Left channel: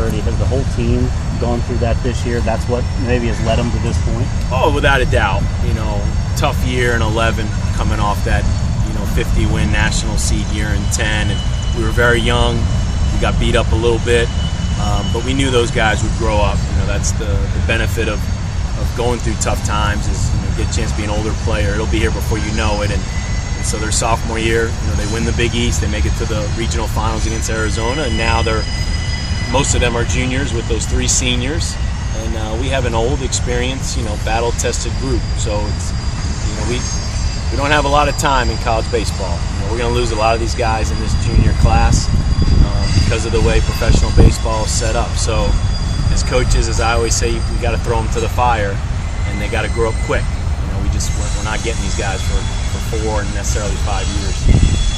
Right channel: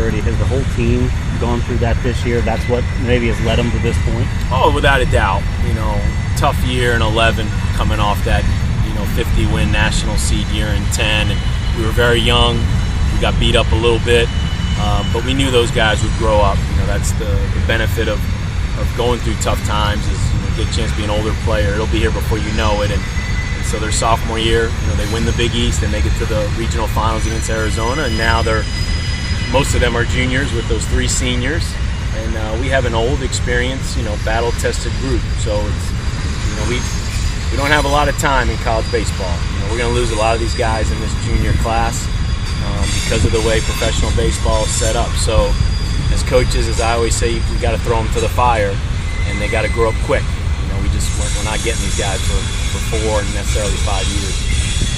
maturity. Has the whole team gone through that this year? That's what maybe has led them to this point? Oh, without a doubt. Tough year in 11, coming off that 50-win national seed year in 10, and we were very young. We got beat up a little bit, but we knew those guys would grow up. That's the benefit of going through tough times is you get a chance to be an older player. It'll be here before you know it, and so their sophomore year, they win the Big East, they make it to the regional finals against Arizona, and now most of them are juniors with those 3 seniors, and we have an old, experienced, battle-tested group. So it's, we don't have a lot of time in college baseball. We're going to lose a lot of these guys in this junior class because of the way professional baseball is set up. So as coaches, as I always say, we got to throw them to the fire, and they got to grow up quick. We're not getting these guys for 4 and necessarily 5 years.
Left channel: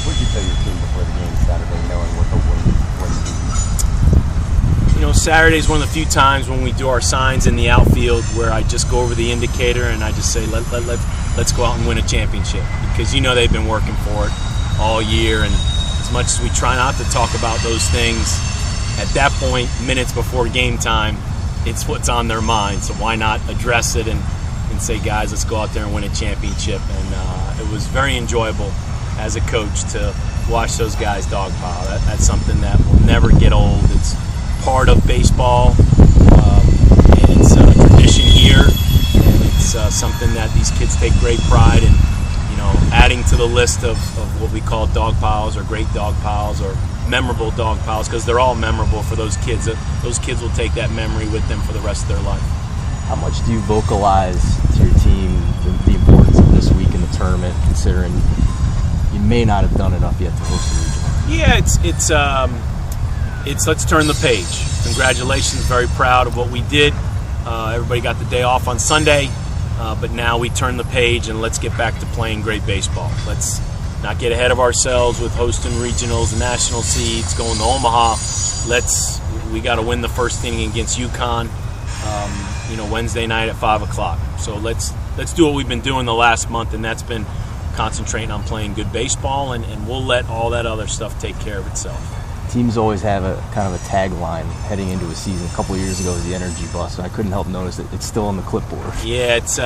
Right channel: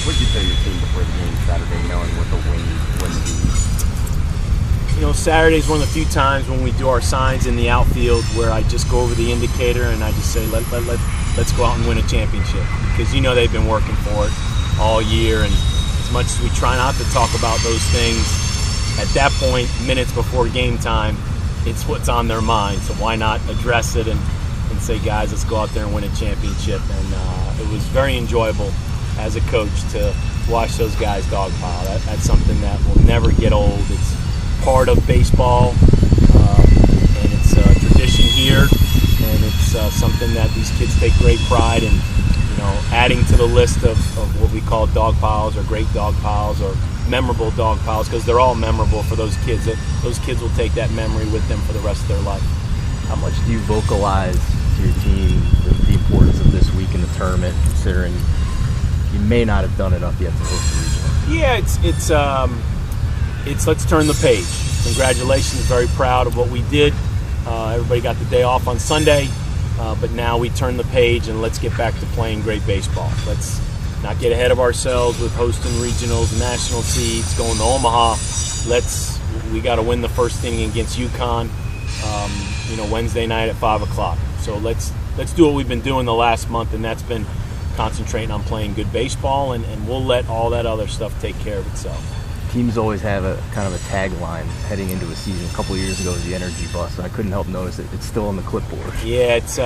What did you tell your team before the game Saturday, knowing what the win would be? Saturday is one of the few times when we do our signs in the outfield where I just go over the indicator and I just say, let's go out and win a championship, because they've been working for it all year, and as much as we try not to talk about those things, at that point, minutes before game time, it's what's on their mind. So why not address it and say, guys, let's go out there and win a championship. And it was very enjoyable as a coach to watch those guys dogpile. That's something that will never get old. It's part of baseball, and it's a tradition here, and it's something that these kids take great pride in, adding to the list of what we call dog piles, or great dog piles, or memorable dog piles, because they're all memorable for those kids. Those kids will take that memory with them for the rest of their life. How much do you vocalize to your team the importance of this week in the tournament, considering you may not have done enough yet to host the regional? Yeah, it's let's turn the page. Congratulations, very proud of what we did. Everybody got the day off on Sunday, but now we turn the page and let's get back to playing great baseball. Let's not get ahead of ourselves with hosting regionals and national seeds, going to Omaha. We got to win the first inning against UConn, Wednesday night at 5 o'clock. So let's do what we've been doing the last month, and that's been concentrating on playing good baseball, and we'll let all that other stuff take care of itself. Teams always have a kind of a tagline heading into a season. A couple of years ago was the energy bus, and I couldn't help notice that it's still on the clipboard. Yeah, it's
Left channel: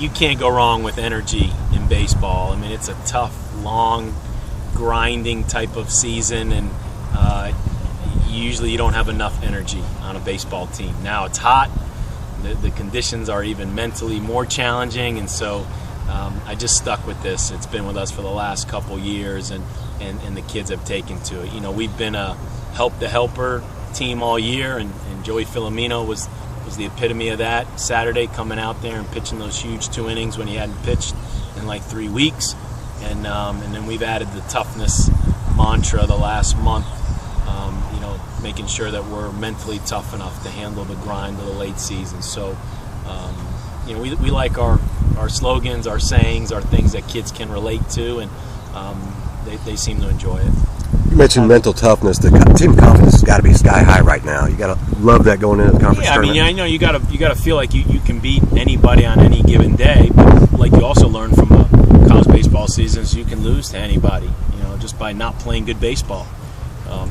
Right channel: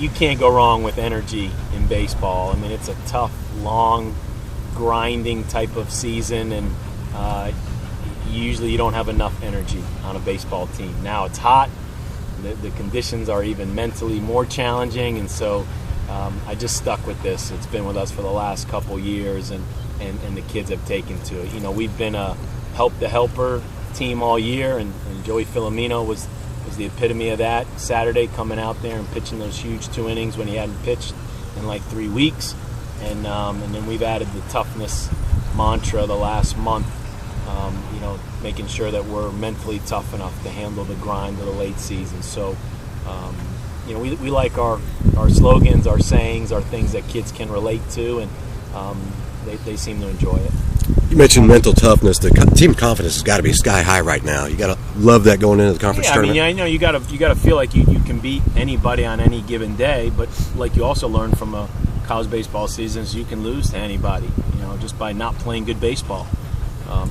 you can't go wrong with energy in baseball. I mean, it's a tough, long, grinding type of season, and usually you don't have enough energy on a baseball team. Now it's hot. The conditions are even mentally more challenging, and so I just stuck with this. It's been with us for the last couple years, and the kids have taken to it. We've been a help the helper team all year, and Joey Filomeno was the epitome of that Saturday, coming out there and pitching those huge 2 innings when he hadn't pitched in like 3 weeks. And then we've added the toughness mantra the last month, making sure that we're mentally tough enough to handle the grind of the late season. So, we like our slogans, our sayings, our things that kids can relate to, and they seem to enjoy it. You mentioned mental toughness. The team confidence has got to be sky high right now. You got to love that going into the conference tournament. I know you got to feel like you can beat anybody on any given day, but like you also learn from a college baseball season is you can lose to anybody, just by not playing good baseball.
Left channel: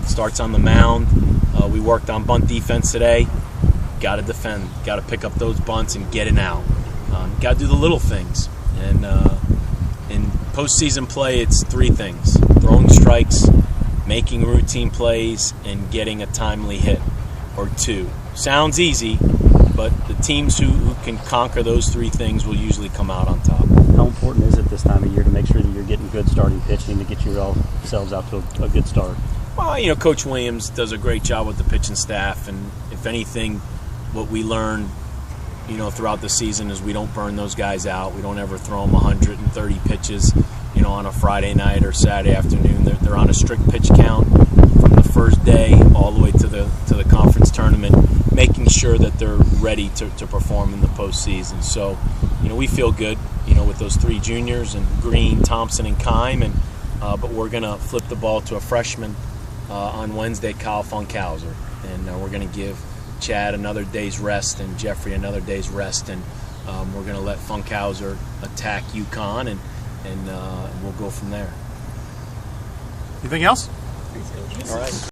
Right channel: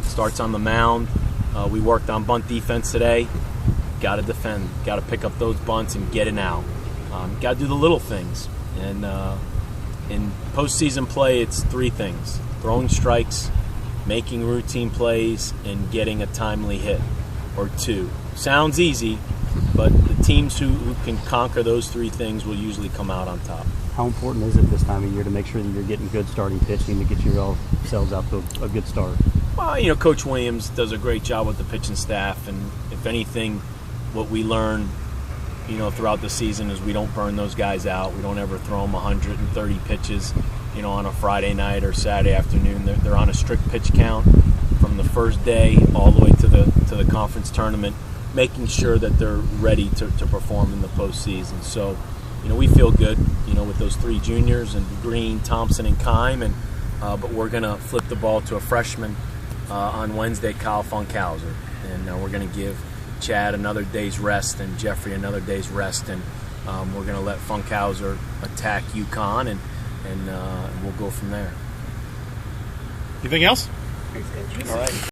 Starts on the mound. We worked on bunt defense today. Got to defend. Got to pick up those bunts and get it out. Got to do the little things. And in postseason play, it's 3 things: throwing strikes, making routine plays, and getting a timely hit or 2. Sounds easy, but the teams who can conquer those 3 things will usually come out on top. How important is it this time of year to make sure that you're getting good starting pitching to get yourselves out to a good start? Well, Coach Williams does a great job with the pitching staff, and if anything, what we learned, throughout the season is we don't burn those guys out. We don't ever throw them 130 pitches, on a Friday night or Saturday afternoon. They're on a strict pitch count from the first day all the way to the conference tournament, making sure that they're ready to perform in the postseason. So, we feel good, with those 3 juniors and Green, Thompson, and Kime, and but we're gonna flip the ball to a freshman on Wednesday, Kyle Funkhauser, and we're gonna give Chad another day's rest and Jeffrey another day's rest, and we're going to let Funkhauser attack UConn, and we'll go from there. Anything else? All right.